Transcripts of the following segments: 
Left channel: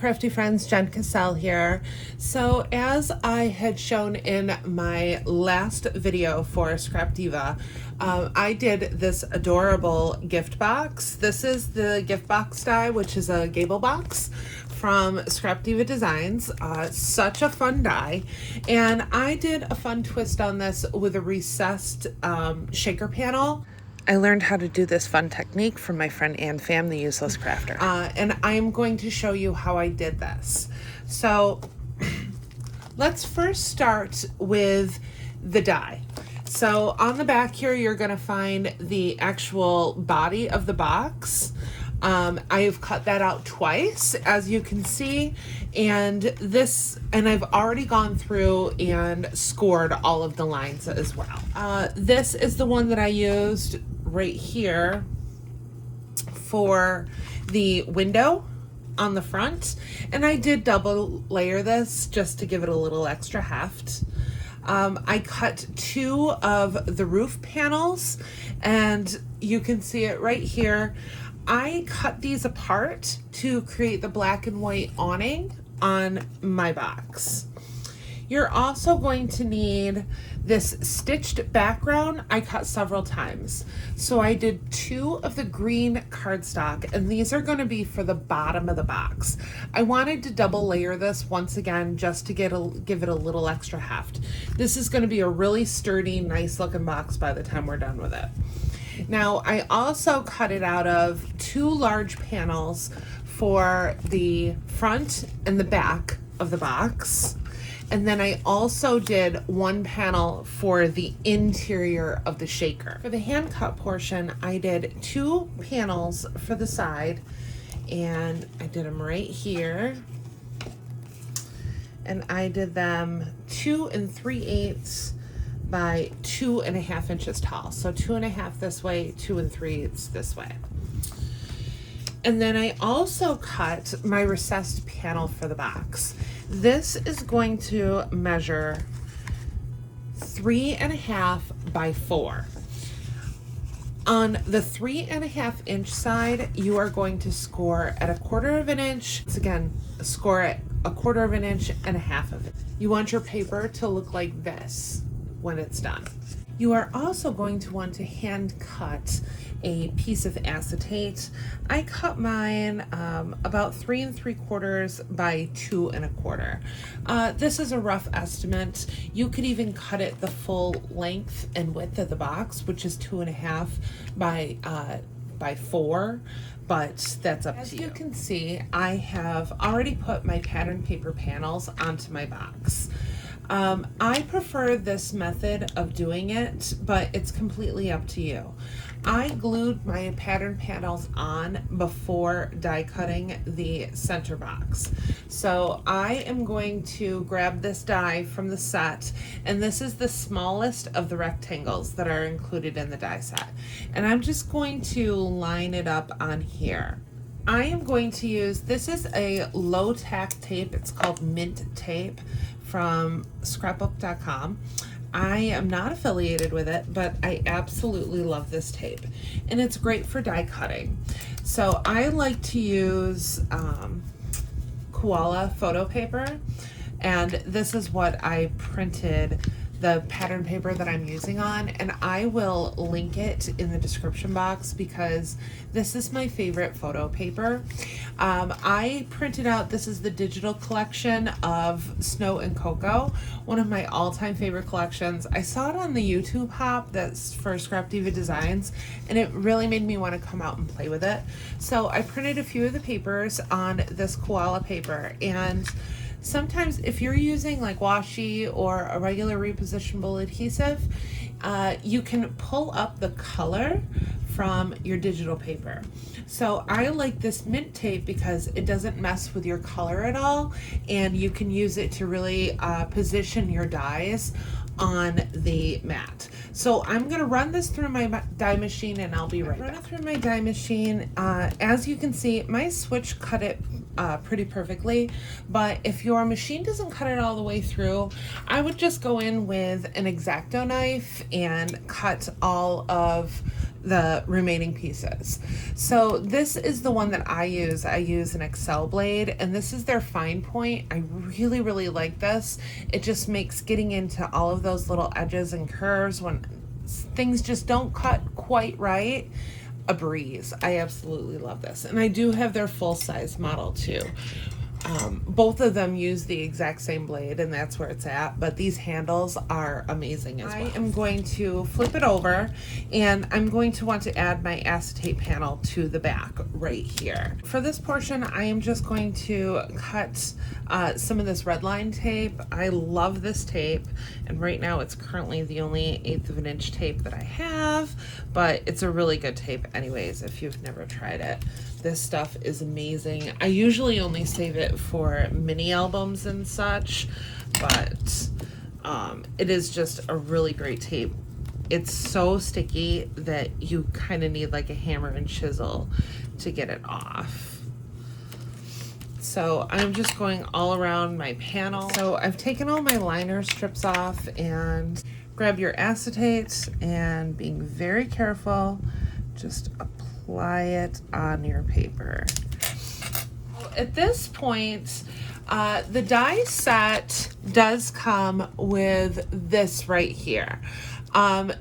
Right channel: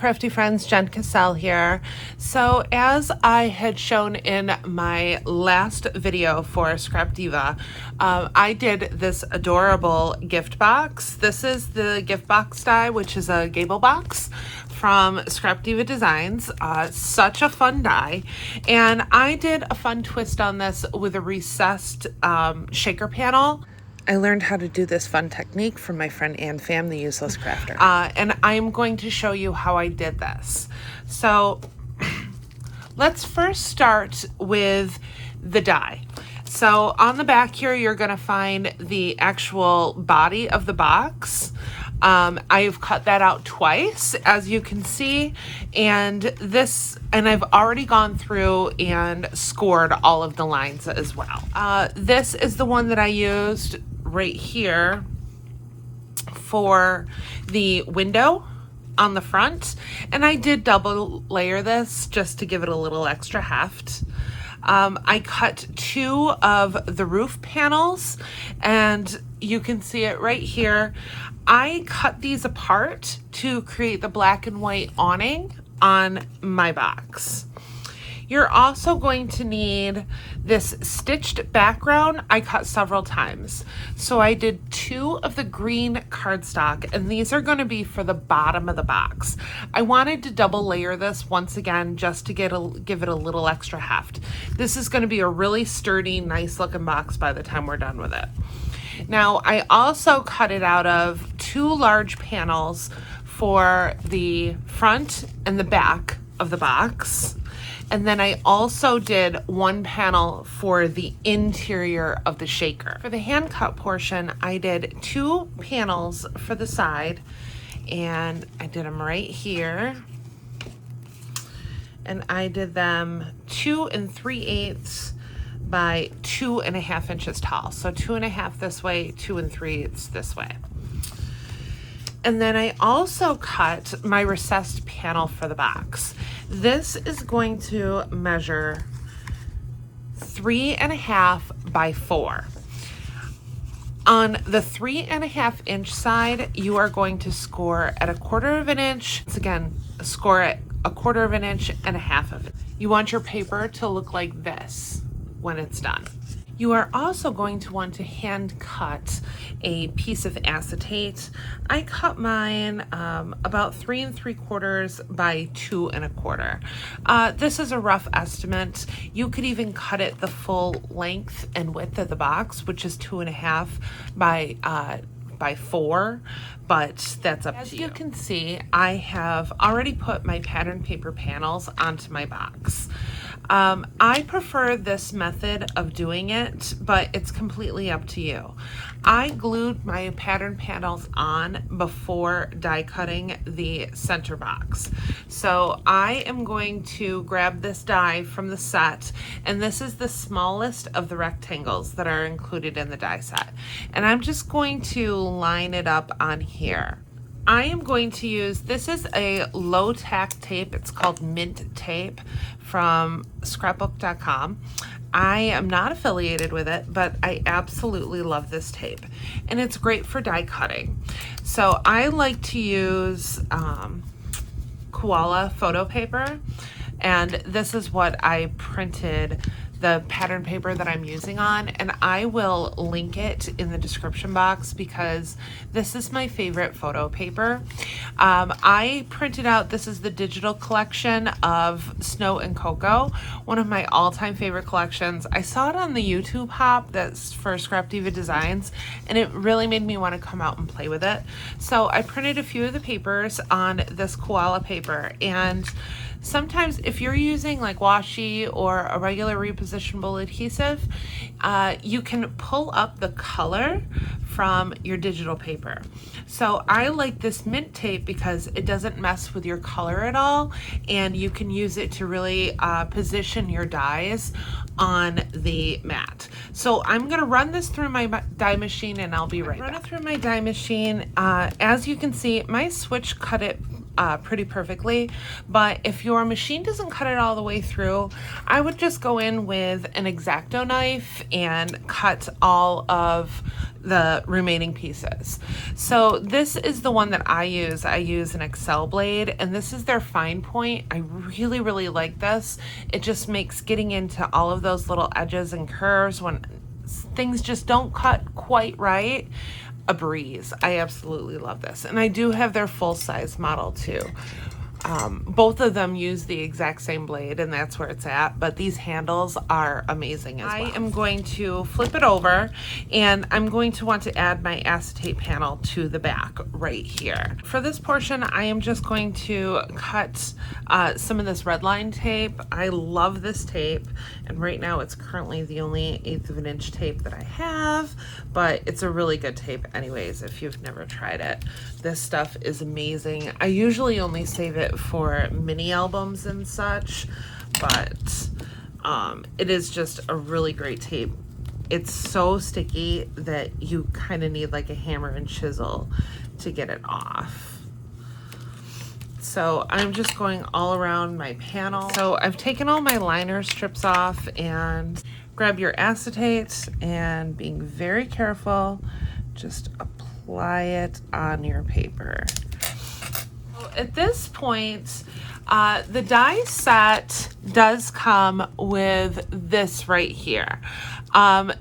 crafty friends, Jen Cassell here. So as I had shown in my last video for Scrapdiva, I did this adorable gift box. This is the gift box die, which is a Gable box from Scrapdiva Designs. Such a fun die. And I did a fun twist on this with a recessed shaker panel. I learned how to do this fun technique from my friend An Pham, the useless crafter. And I'm going to show you how I did this. So let's first start with the die. So on the back here, you're gonna find the actual body of the box. I've cut that out twice, as you can see, and I've already gone through and scored all of the lines as well. This is the one that I used right here for the window on the front, and I did double layer this just to give it a little extra heft. I cut two of the roof panels, and you can see it right here. I cut these apart to create the black and white awning on my box. You're also going to need this stitched background. I cut several times. So I did two of the green cardstock, and these are going to be for the bottom of the box. I wanted to double layer this once again just to give it a little extra heft. This is going to be a really sturdy, nice looking box by the time we're done with it. Now, I also cut it out of two large panels for the front and the back of the box. And then I also did one panel for the interior of the shaker. For the hand cut portion, I did two panels for the side, and I did them right here. And I did them 2 3/8 by 2.5 inches tall. So 2.5 this way, 2 3/8 this way. And then I also cut my recessed panel for the box. This is going to measure 3.5 by 4. On the 3.5 inch side, you are going to score at 1/4 inch. Once again, score at 1/4 inch and 1/2 inch. You want your paper to look like this when it's done. You are also going to want to hand cut a piece of acetate. I cut mine about 3 3/4 by 2 1/4. This is a rough estimate. You could even cut it the full length and width of the box, which is 2.5 by 4, but that's up to you. As you can see, I have already put my pattern paper panels onto my box. I prefer this method of doing it, but it's completely up to you. I glued my pattern panels on before die cutting the center box. So I am going to grab this die from the set, and this is the smallest of the rectangles that are included in the die set. And I'm just going to line it up on here. I am going to use, this is a low tack tape. It's called Mint Tape from scrapbook.com. I am not affiliated with it, but I absolutely love this tape, and it's great for die cutting. So I like to use koala photo paper, and this is what I printed the pattern paper that I'm using on, and I will link it in the description box because this is my favorite photo paper. I printed out, this is the digital collection of Snow and Cocoa, one of my all-time favorite collections. I saw it on the YouTube hop that's for Scrapdiva Designs, and it really made me want to come out and play with it. So I printed a few of the papers on this koala paper, and sometimes if you're using like washi or a regular repositionable adhesive, you can pull up the color from your digital paper. So I like this Mint Tape because it doesn't mess with your color at all, and you can use it to really position your dies on the mat. So I'm gonna run this through my die machine, and I'll be right back. Run it through my die machine. As you can see, my switch cut it pretty perfectly. But if your machine doesn't cut it all the way through, I would just go in with an X-OXO knife and cut all of the remaining pieces. So this is the one that I use. I use an Excel blade, and this is their fine point. I really, really like this. It just makes getting into all of those little edges and curves when things just don't cut quite right a breeze. I absolutely love this. And I do have their full-size model too. Both of them use the exact same blade, and that's where it's at, but these handles are amazing as well. I am going to flip it over, and I'm going to want to add my acetate panel to the back right here. For this portion, I am just going to cut some of this red line tape. I love this tape, and right now it's currently the only 1/8 of an inch tape that I have, but it's a really good tape anyways if you've never tried it. This stuff is amazing. I usually only save it for mini albums and such, but it is just a really great tape. It's so sticky that you kind of need like a hammer and chisel to get it off. So I'm just going all around my panel. So I've taken all my liner strips off, and grab your acetate and being very careful, just apply it on your paper. At this point, the die set does come with this right here.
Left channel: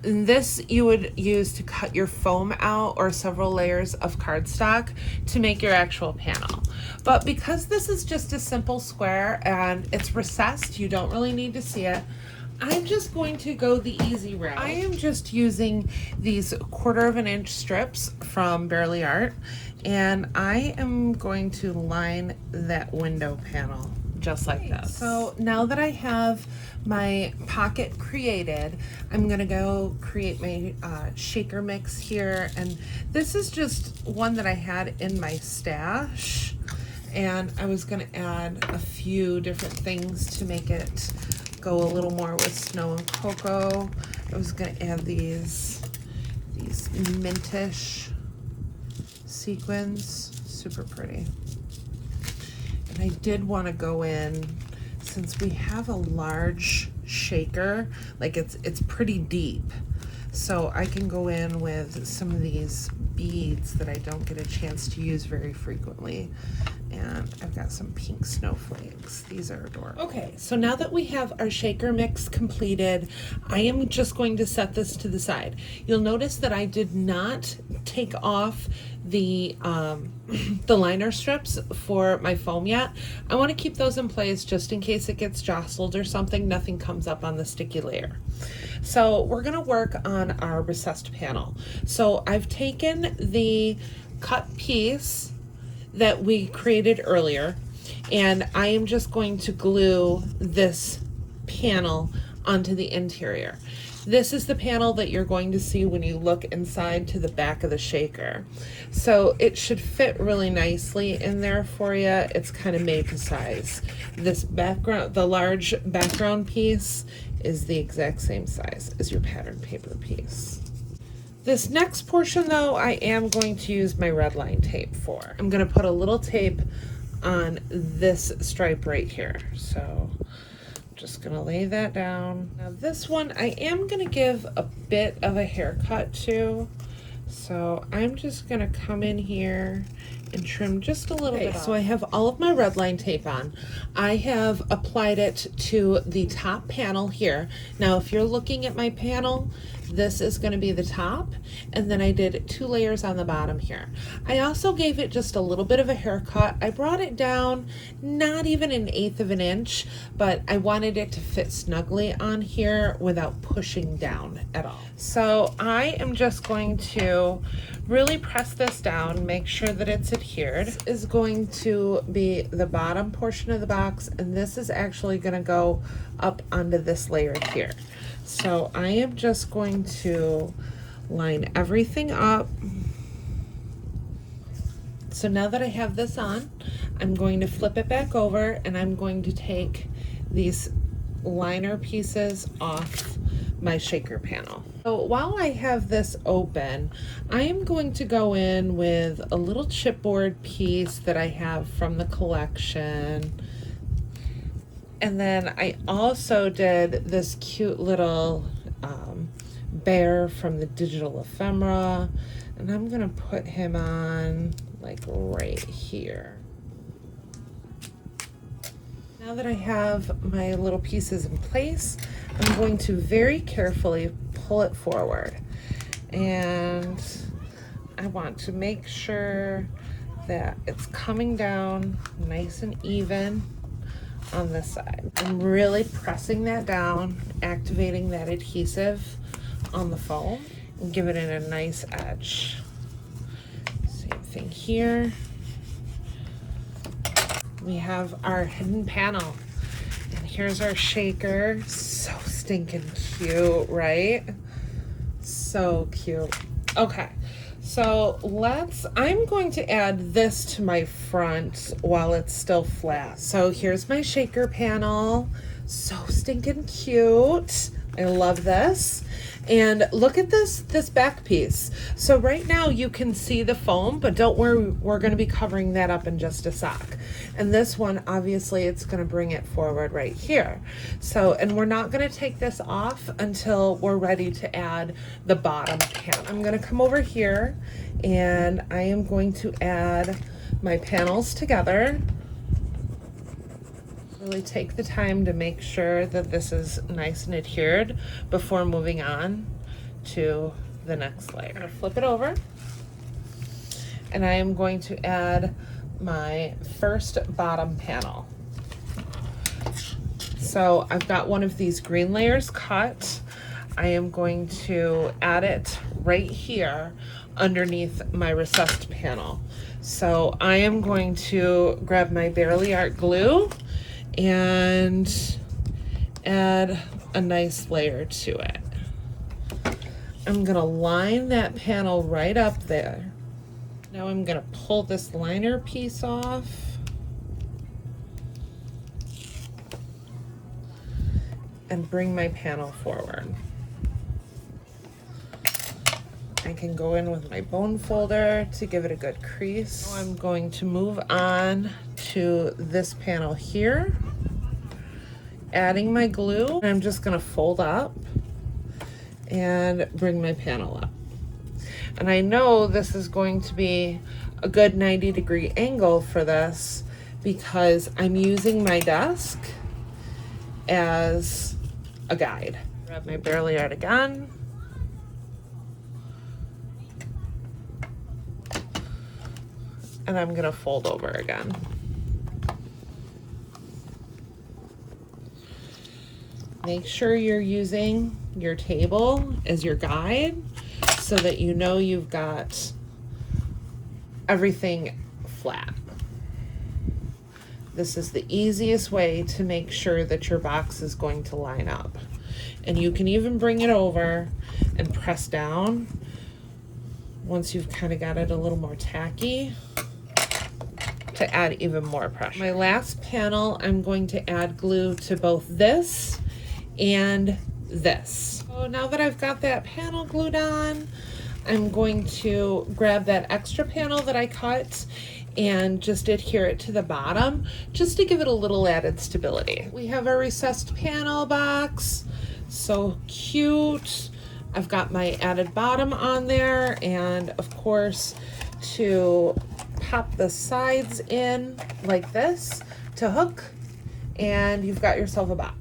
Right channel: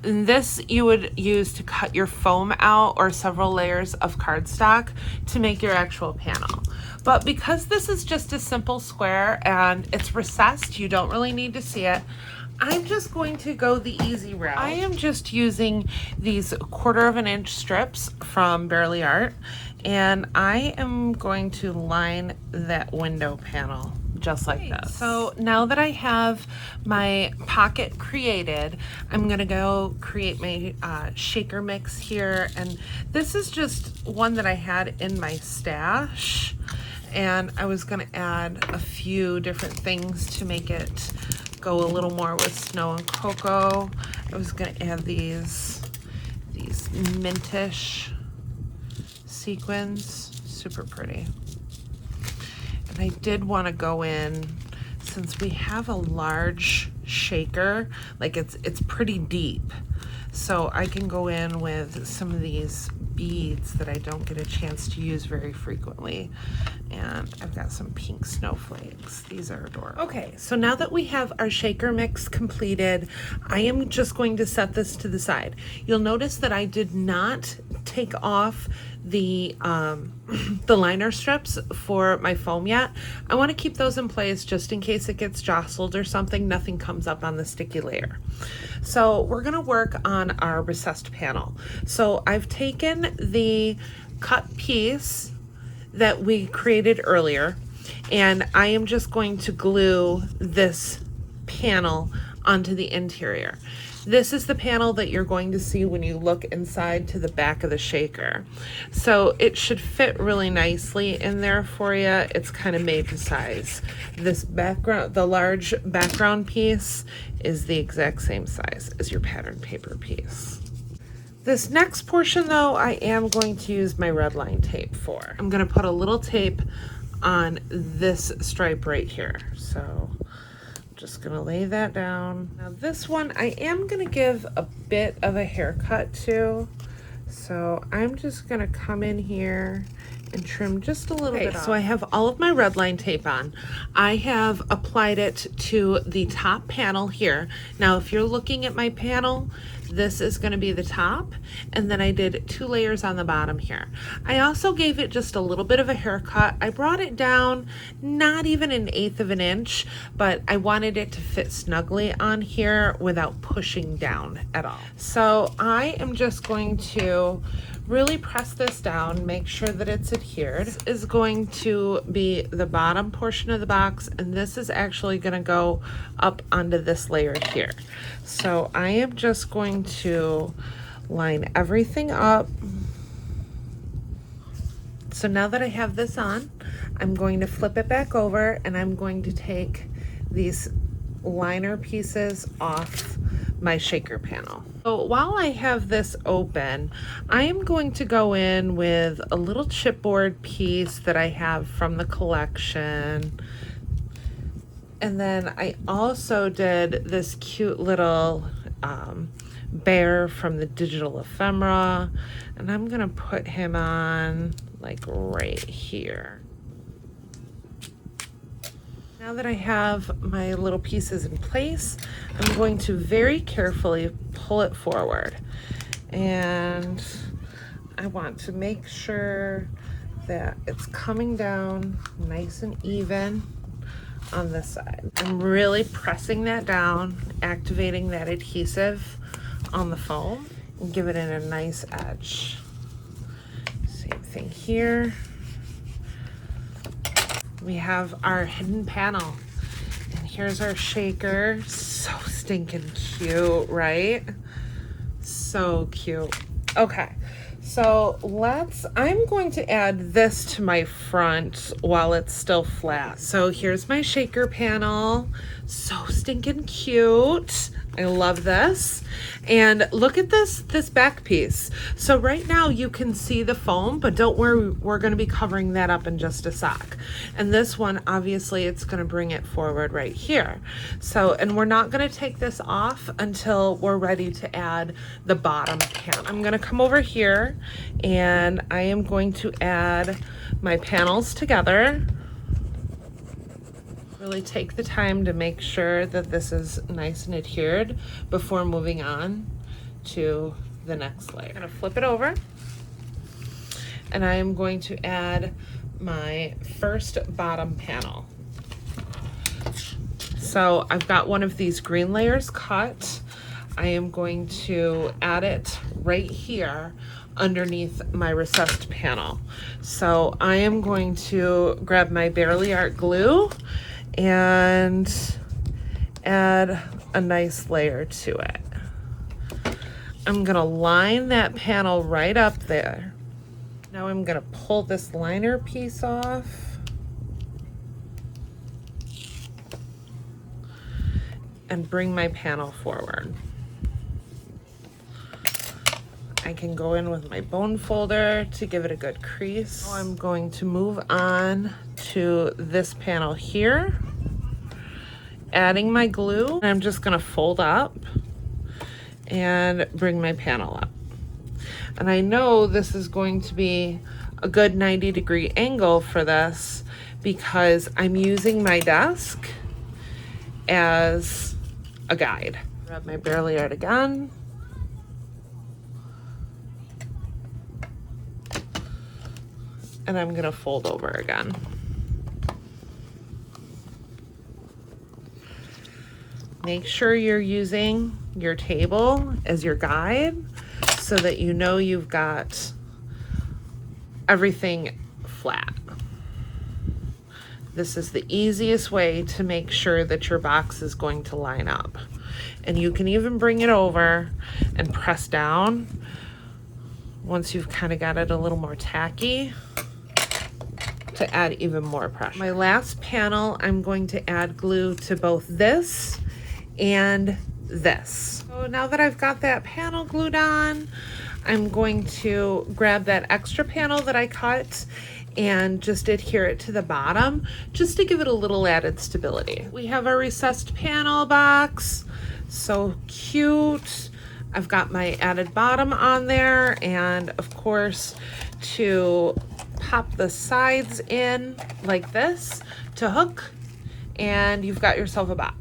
This you would use to cut your foam out, or several layers of cardstock to make your actual panel. But because this is just a simple square and it's recessed, you don't really need to see it. I'm just going to go the easy route. I am just using these 1/4 of an inch strips from Barely Art, and I am going to line that window panel just like this. So now that I have my pocket created, I'm gonna go create my shaker mix here, and this is just one that I had in my stash, and I was gonna add a few different things to make it go a little more with snow and cocoa. I was gonna add these mintish sequins, super pretty. And I did want to go in, since we have a large shaker, like it's pretty deep, so I can go in with some of these beads that I don't get a chance to use very frequently. And I've got some pink snowflakes. These are adorable. Okay, so now that we have our shaker mix completed, I am just going to set this to the side. You'll notice that I did not take off the liner strips for my foam yet. I want to keep those in place just in case it gets jostled or something, nothing comes up on the sticky layer. So we're going to work on our recessed panel. So I've taken the cut piece that we created earlier, and I am just going to glue this panel onto the interior. This is the panel that you're going to see when you look inside to the back of the shaker. So it should fit really nicely in there for you. It's kind of made to size. This background, the large background piece, is the exact same size as your pattern paper piece. This next portion though, I am going to use my red line tape for. I'm gonna put a little tape on this stripe right here. So I'm just gonna lay that down. Now this one, I am gonna give a bit of a haircut to. So I'm just gonna come in here and trim just a little bit off. So I have all of my red line tape on. I have applied it to the top panel here. Now, if you're looking at my panel, this is going to be the top, and then I did 2 layers on the bottom here. I also gave it just a little bit of a haircut. I brought it down not even an 1/8 of an inch, but I wanted it to fit snugly on here without pushing down at all. So I am just going to really press this down, make sure that it's adhered. This is going to be the bottom portion of the box, and this is actually going to go up onto this layer here. So I am just going to line everything up. So now that I have this on, I'm going to flip it back over, and I'm going to take these liner pieces off my shaker panel. So while I have this open, I am going to go in with a little chipboard piece that I have from the collection. And then I also did this cute little bear from the digital ephemera, and I'm gonna put him on like right here. Now that I have my little pieces in place, I'm going to very carefully pull it forward, and I want to make sure that it's coming down nice and even on this side. I'm really pressing that down, activating that adhesive on the foam, and give it in a nice edge. Same thing here. We have our hidden panel, and here's our shaker. So stinking cute, right? So cute. Okay, so I'm going to add this to my front while it's still flat. So here's my shaker panel. So stinking cute. I love this. And look at this back piece. So right now you can see the foam, but don't worry, we're gonna be covering that up in just a sec. And this one, obviously it's gonna bring it forward right here. So, and we're not gonna take this off until we're ready to add the bottom panel. I'm gonna come over here and I am going to add my panels together. Really take the time to make sure that this is nice and adhered before moving on to the next layer. I'm gonna flip it over, and I am going to add my first bottom panel. So I've got one of these green layers cut. I am going to add it right here underneath my recessed panel. So I am going to grab my Barely Art glue and add a nice layer to it. I'm gonna line that panel right up there. Now I'm gonna pull this liner piece off and bring my panel forward. I can go in with my bone folder to give it a good crease. Now I'm going to move on to this panel here, adding my glue. I'm just gonna fold up and bring my panel up. And I know this is going to be a good 90-degree angle for this because I'm using my desk as a guide. Grab my Barely Art again. And I'm gonna fold over again. Make sure you're using your table as your guide so that you know you've got everything flat. This is the easiest way to make sure that your box is going to line up. And you can even bring it over and press down once you've kind of got it a little more tacky to add even more pressure. My last panel, I'm going to add glue to both this and this. So now that I've got that panel glued on, I'm going to grab that extra panel that I cut and just adhere it to the bottom just to give it a little added stability. We have our recessed panel box, so cute. I've got my added bottom on there, and of course to pop the sides in like this to hook, and you've got yourself a box.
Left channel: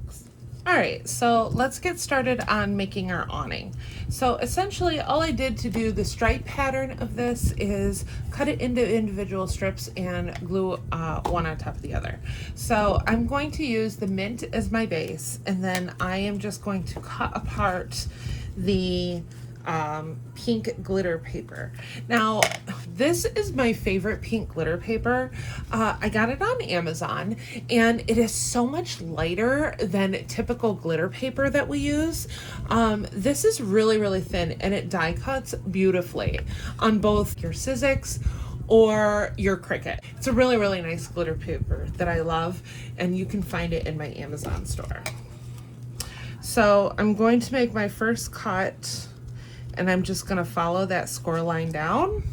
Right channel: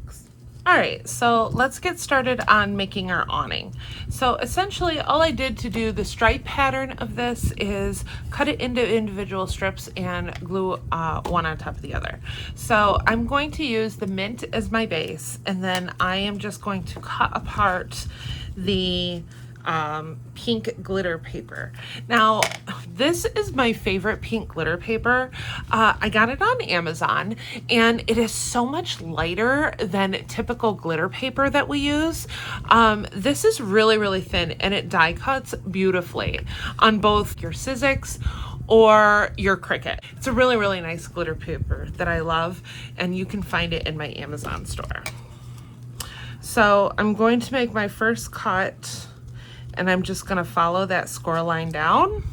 All right, so let's get started on making our awning. So essentially all I did to do the stripe pattern of this is cut it into individual strips and glue one on top of the other. So I'm going to use the mint as my base, and then I am just going to cut apart the pink glitter paper. Now, this is my favorite pink glitter paper. I got it on Amazon, and it is so much lighter than typical glitter paper that we use. This is really, really thin, and it die cuts beautifully on both your Sizzix or your Cricut. It's a really, really nice glitter paper that I love, and you can find it in my Amazon store. So I'm going to make my first cut, and I'm just gonna follow that score line down.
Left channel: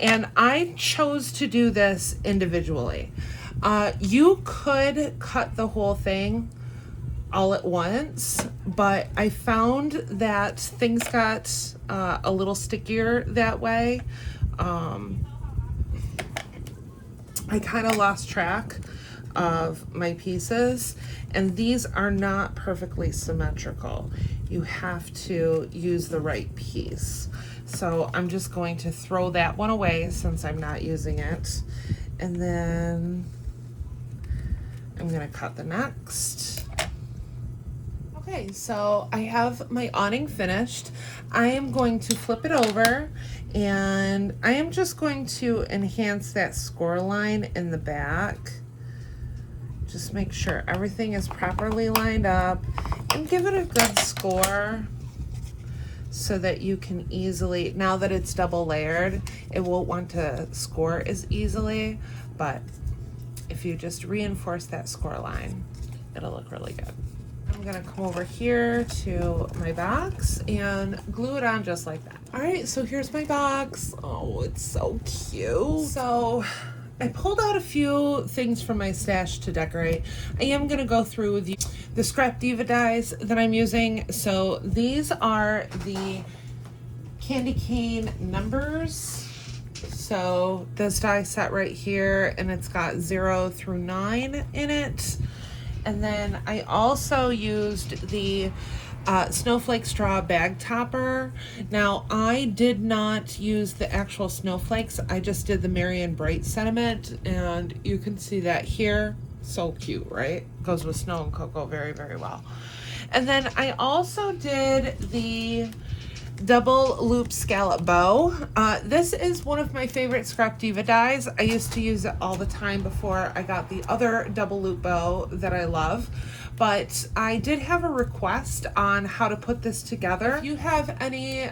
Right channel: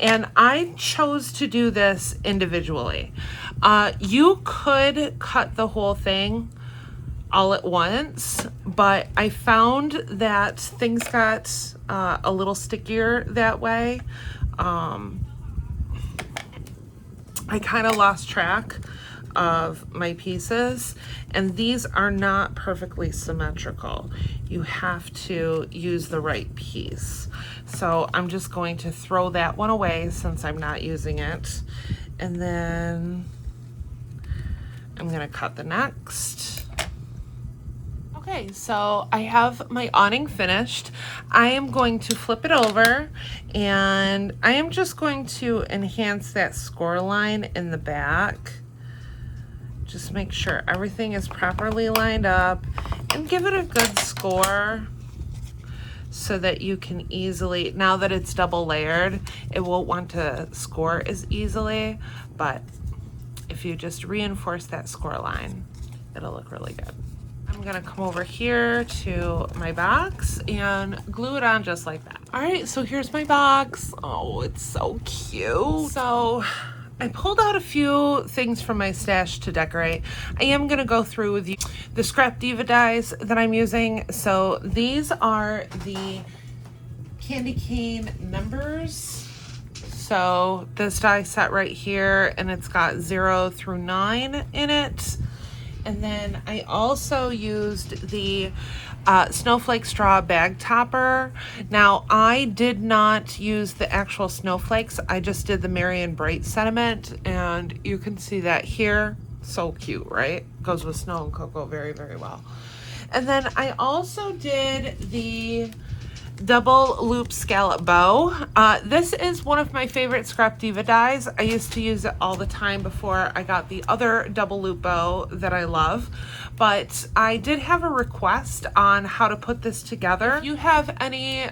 And I chose to do this individually. You could cut the whole thing all at once, but I found that things got a little stickier that way. I kind of lost track of my pieces, and these are not perfectly symmetrical. You have to use the right piece. So I'm just going to throw that one away since I'm not using it. And then I'm gonna cut the next. Okay, so I have my awning finished. I am going to flip it over, and I am just going to enhance that score line in the back. Just make sure everything is properly lined up and give it a good score so that you can easily, now that it's double layered, it won't want to score as easily, but if you just reinforce that score line, it'll look really good. I'm gonna come over here to my box and glue it on just like that. All right, so here's my box. Oh, it's so cute. So I pulled out a few things from my stash to decorate. I am gonna go through with you the Scrapdiva dies that I'm using. So these are the candy cane numbers. So this die set right here, and it's got 0 through 9 in it. And then I also used the snowflake straw bag topper. Now I did not use the actual snowflakes. I just did the Marion Bright sentiment, and you can see that here. So cute, right? Goes with snow and cocoa very, very well. And then I also did the double loop scallop bow. This is one of my favorite Scrapdiva dies. I used to use it all the time before I got the other double loop bow that I love, but I did have a request on how to put this together. If you have any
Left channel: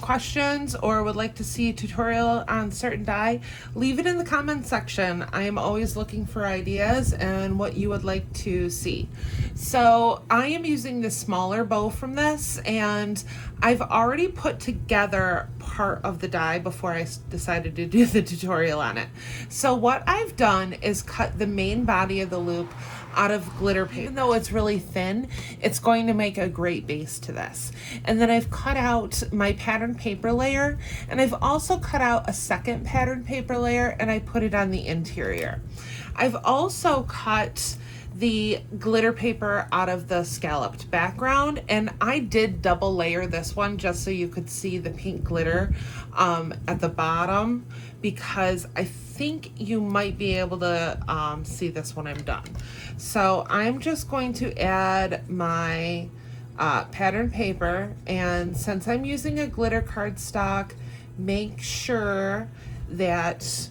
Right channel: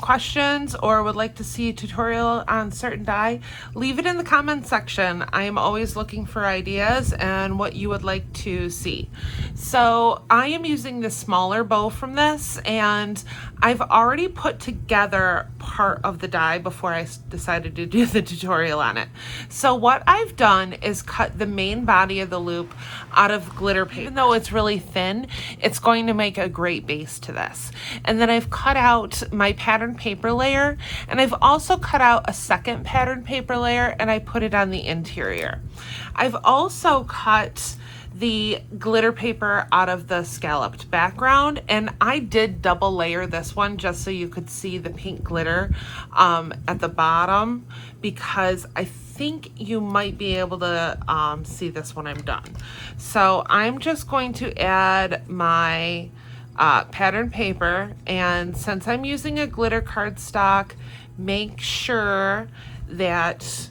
questions or would like to see a tutorial on certain die, leave it in the comment section. I am always looking for ideas and what you would like to see. So I am using the smaller bow from this, and I've already put together part of the die before I decided to do the tutorial on it. So what I've done is cut the main body of the loop out of glitter paper. Even though it's really thin, it's going to make a great base to this. And then I've cut out my pattern paper layer, and I've also cut out a second pattern paper layer, and I put it on the interior. I've also cut the glitter paper out of the scalloped background, and I did double layer this one just so you could see the pink glitter at the bottom, because I think you might be able to see this when I'm done. So I'm just going to add my pattern paper, and since I'm using a glitter cardstock, make sure that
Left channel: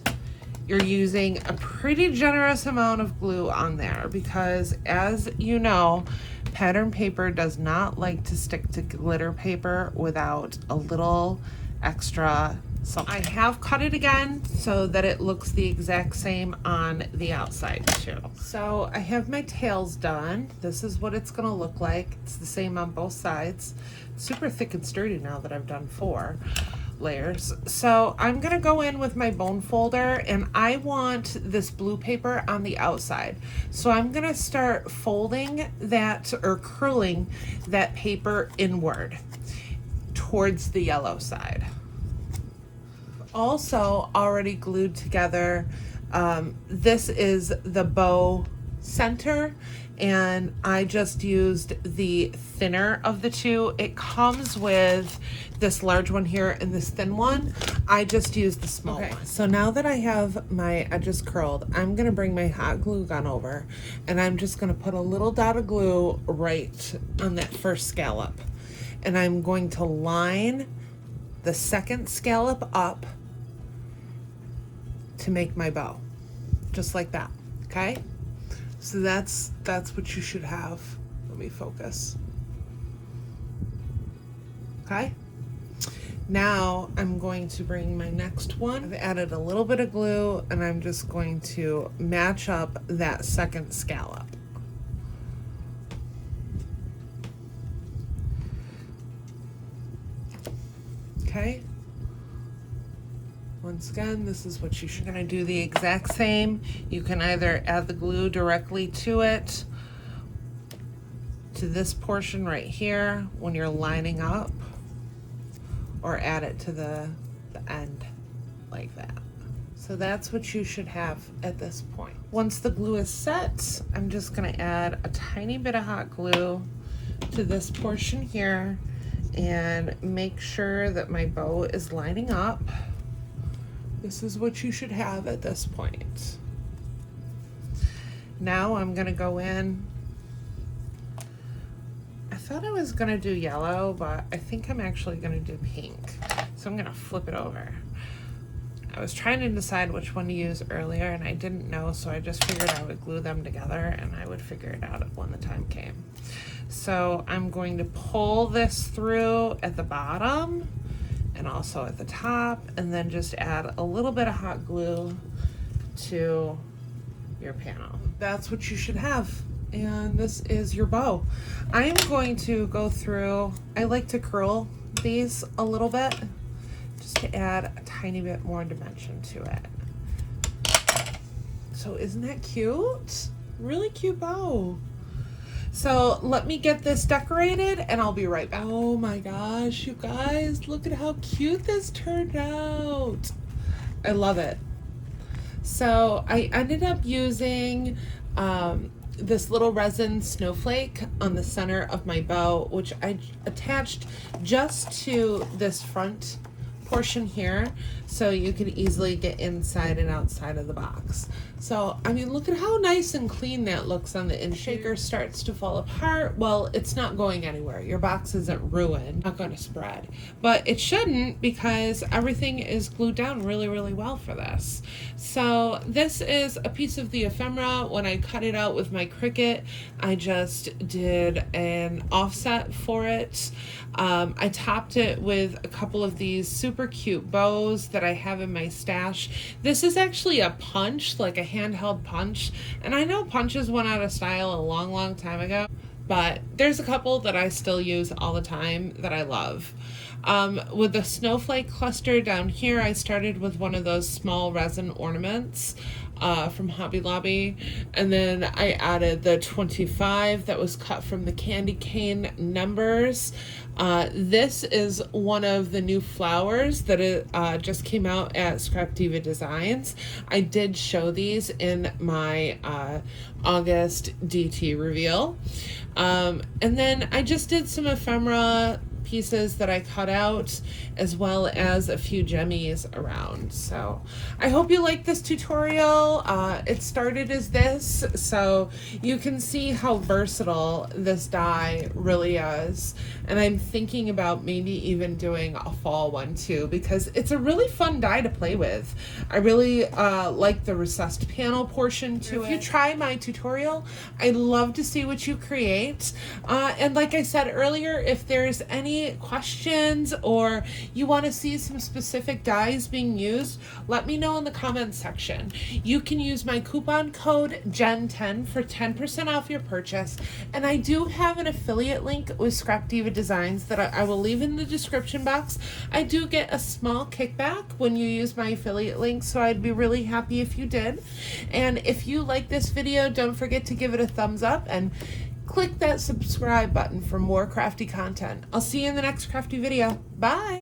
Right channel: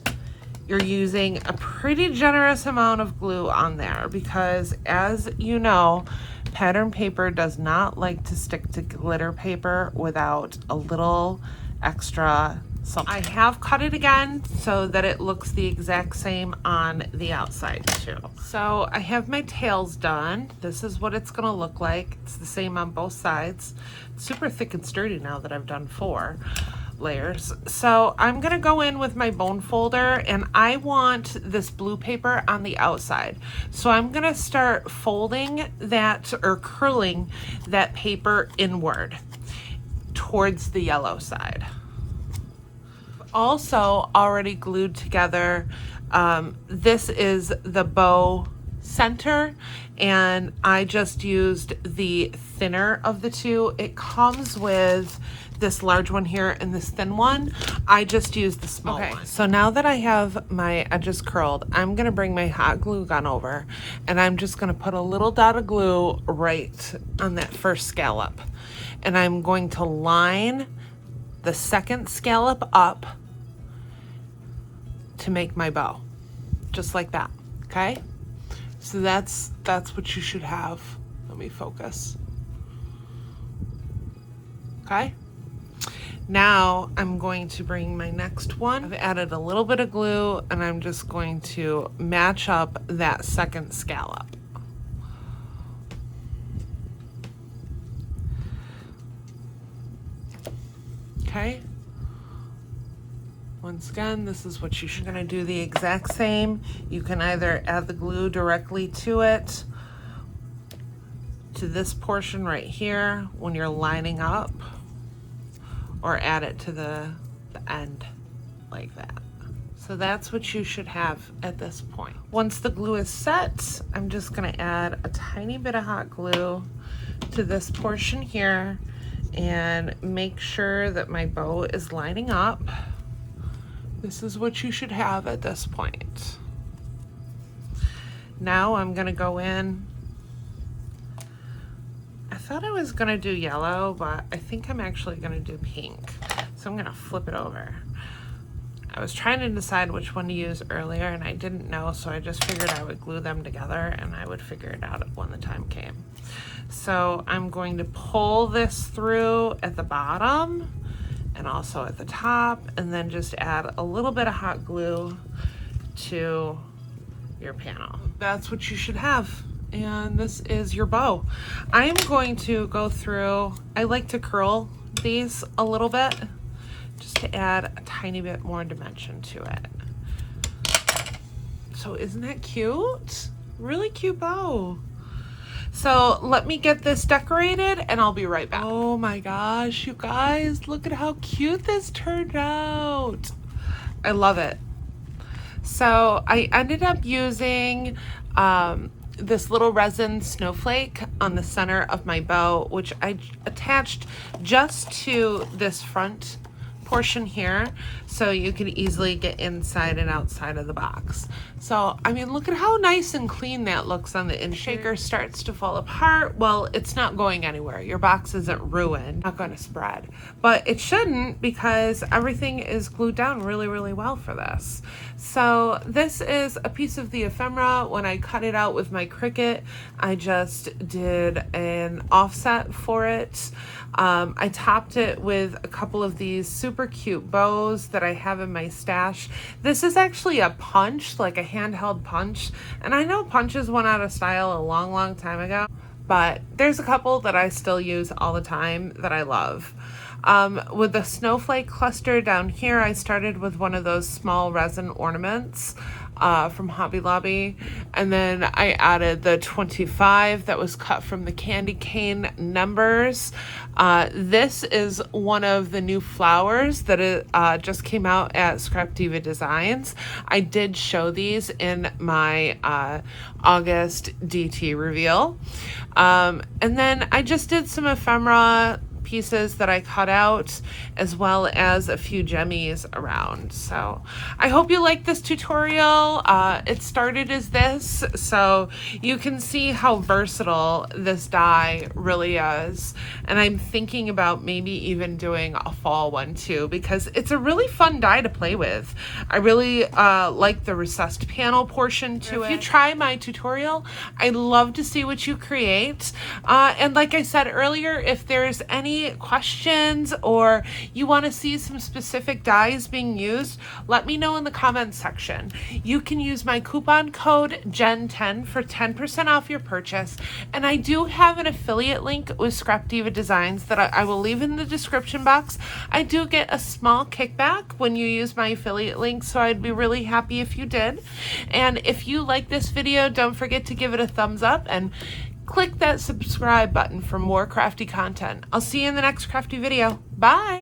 you're using a pretty generous amount of glue on there, because as you know, pattern paper does not like to stick to glitter paper without a little extra something. I have cut it again so that it looks the exact same on the outside too. So I have my tails done. This is what it's gonna look like. It's the same on both sides. It's super thick and sturdy now that I've done 4 layers. So I'm gonna go in with my bone folder, and I want this blue paper on the outside. So I'm gonna start folding that, or curling that paper inward towards the yellow side. Also already glued together, this is the bow center, and I just used the thinner of the two. It comes with this large one here and this thin one. I just used the small one. So now that I have my edges curled, I'm gonna bring my hot glue gun over, and I'm just gonna put a little dot of glue right on that first scallop. And I'm going to line the second scallop up to make my bow, just like that, okay? So that's what you should have. Let me focus. Okay? Now I'm going to bring my next one. I've added a little bit of glue, and I'm just going to match up that second scallop. okay? Once again, this is what you're gonna do the exact same. You can either add the glue directly to it, to this portion right here when you're lining up, or add it to the end like that. So that's what you should have at this point. Once the glue is set, I'm just gonna add a tiny bit of hot glue to this portion here and make sure that my bow is lining up. This is what you should have at this point. Now I'm gonna go in. I thought I was gonna do yellow, but I think I'm actually gonna do pink. So I'm gonna flip it over. I was trying to decide which one to use earlier and I didn't know, so I just figured I would glue them together and I would figure it out when the time came. So I'm going to pull this through at the bottom and also at the top, and then just add a little bit of hot glue to your panel. That's what you should have. And this is your bow. I'm going to go through, I like to curl these a little bit just to add a tiny bit more dimension to it. So isn't that cute? Really cute bow. So let me get this decorated and I'll be right back. Oh my gosh, you guys, look at how cute this turned out. I love it. So I ended up using this little resin snowflake on the center of my bow, which I attached just to this front portion here, so you can easily get inside and outside of the box. So, I mean, look at how nice and clean that looks on the inside. Shaker starts to fall apart. Well, it's not going anywhere. Your box isn't ruined, not going to spread, but it shouldn't because everything is glued down really, really well for this. So this is a piece of the ephemera. When I cut it out with my Cricut, I just did an offset for it. I topped it with a couple of these super cute bows that I have in my stash. This is actually a punch, like a handheld punch, and I know punches went out of style a long, long time ago, but there's a couple that I still use all the time that I love. With the snowflake cluster down here, I started with one of those small resin ornaments from Hobby Lobby, and then I added the 25 that was cut from the candy cane numbers. This is one of the new flowers that just came out at Scrapdiva Designs. I did show these in my August DT reveal. And then I just did some ephemera pieces that I cut out, as well as a few jemmies around. So I hope you like this tutorial. It started as this, so you can see how versatile this die really is. And I'm thinking about maybe even doing a fall one too, because it's a really fun die to play with. I really like the recessed panel portion to it. If you try my tutorial, I'd love to see what you create. And like I said earlier, if there's any questions or you want to see some specific dies being used, let me know in the comments section. You can use my coupon code GEN10 for 10% off your purchase, and I do have an affiliate link with Scrapdiva Designs that I will leave in the description box. I do get a small kickback when you use my affiliate link, so I'd be really happy if you did. And if you like this video, don't forget to give it a thumbs up and click that subscribe button for more crafty content. I'll see you in the next crafty video. Bye!